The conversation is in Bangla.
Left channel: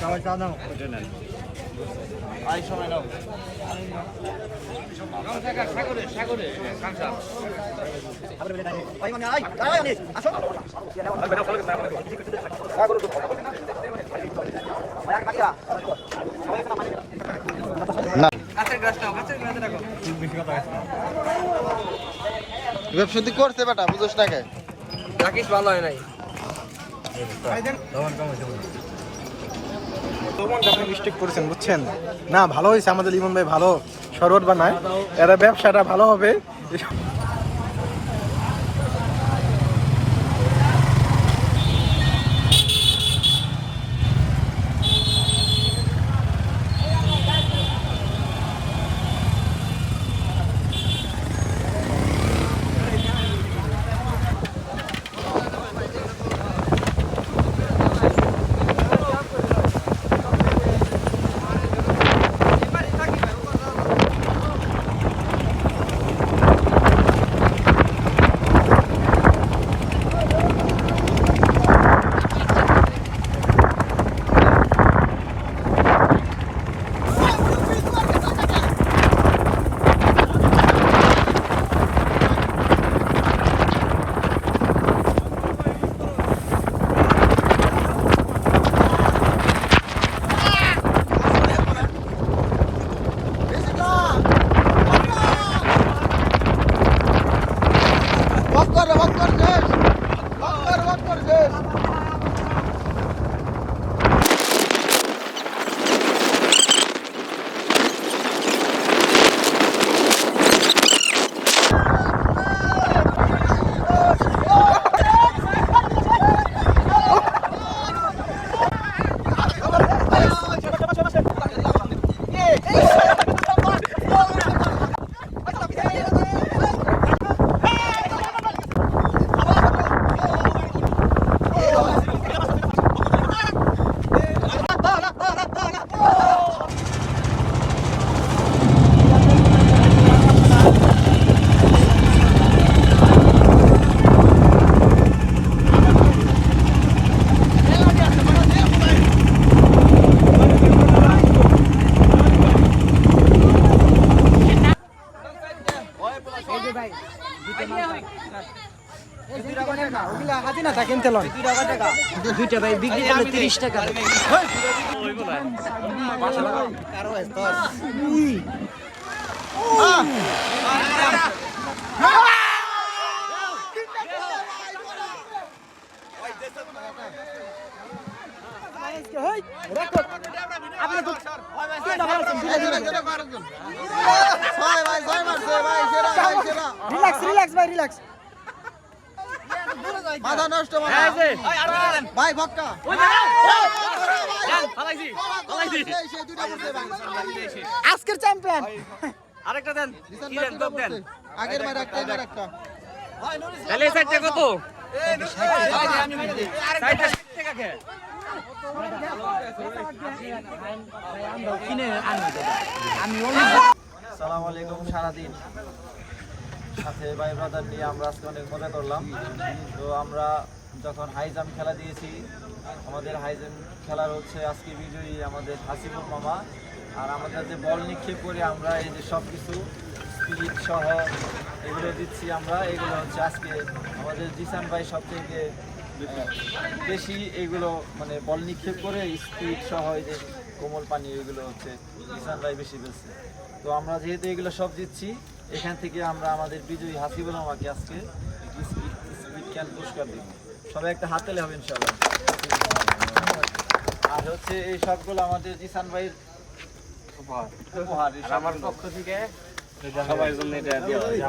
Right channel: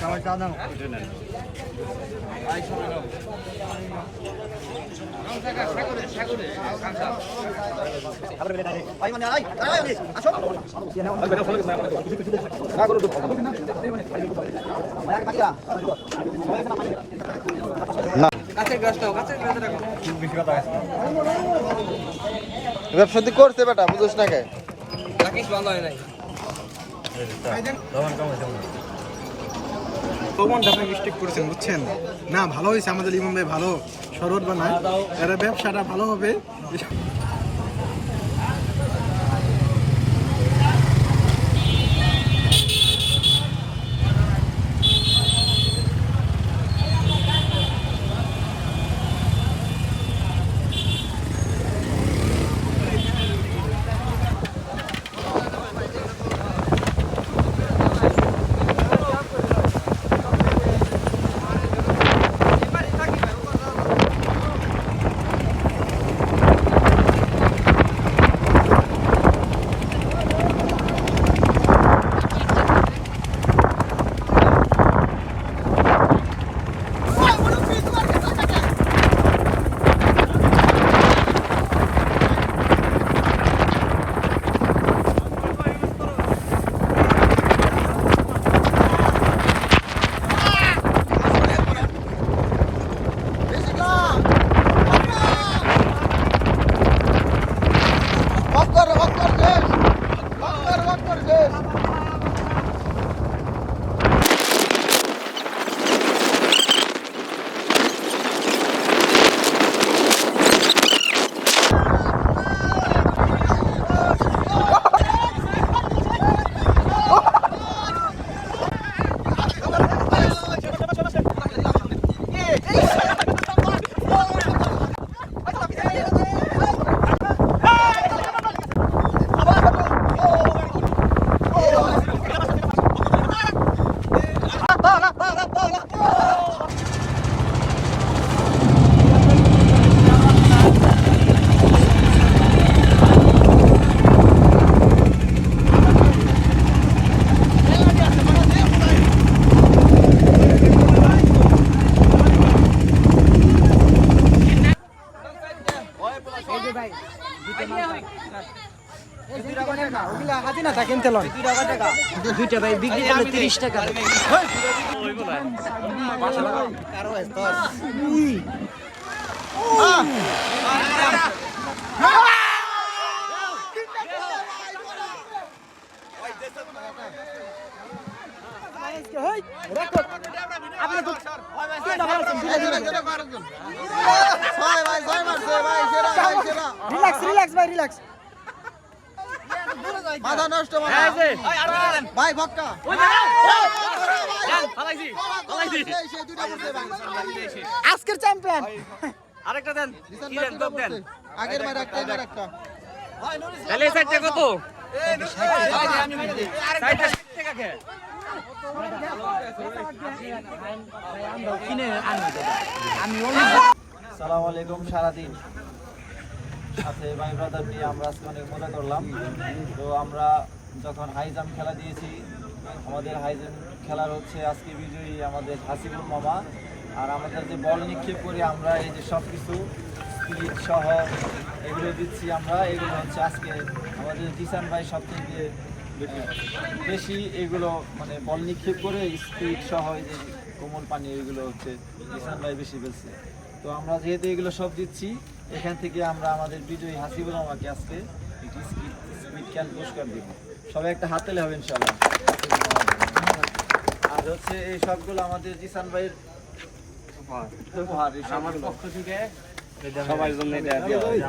সবাই চা দাও। ব্যবসা করছে বেটা, বুঝিস না কে? রাখিস ভালো হয় নাই। মিস্টেক করেছেন বুঝছেন না, ভালো হয়েছে আমাদের লিমন ভাই, ভালো শরবত বানায়, এরা ব্যবসাটা ভালো হবে। দুইটা ভাই বিক্রি করলে 30 টাকা। রিল্যাক্স ভাই, রিল্যাক্স। মাথা নষ্ট ভাই, ভক্কা আজকের চ্যাম্পিয়ন। আরেকটা দেন, কি দেন, টপ দেন। আগের বার একটা, এবার একটা। তাহলে এই সাইডটা কত? সাইডটা 60 টাকা কে? সালাম আলাইকুম। সারাদিন সাথে ভাই ব্রাদার নিয়ে আমরা আজকে অনেক মজা করলাম। তো আমরা যখন হাই জাম্প খেলা দিয়েছি, আমাদের হাই জাম্প খেলার হচ্ছে আজকে বিজয়ী আমাদের হাসিবুল মামা। আর আমাদের যে বল নিক্ষেপ করে আমরা এই যে সব কিছু স্পিরিট সহ এগুলো দিচ্ছি আমরা, এগুলো হচ্ছে আজকে আমাদের জিসান ভাই সবথেকে বেশি এগুলো মানে বল নিক্ষেপ করে স্পিরিট সহ এই যে কোমল পানি, এগুলো হচ্ছে জিসান ভাই বেশি বেশি। তো আমরা যেহেতু এগুলো সব দিচ্ছি, এখান থেকে আমরা আমাদের বিজয়ী হাসিবুল মামাকে আজকে স্পিড ক্যান পুরস্কার দিব। সবাই একটা হাত তালি হবে ইনশাআল্লাহ। আর হচ্ছে এই সবগুলো আমাদের জিসান ভাইয়ের উপহার, আমার পক্ষ থেকে সবার জন্য এটা দেওয়া হয়।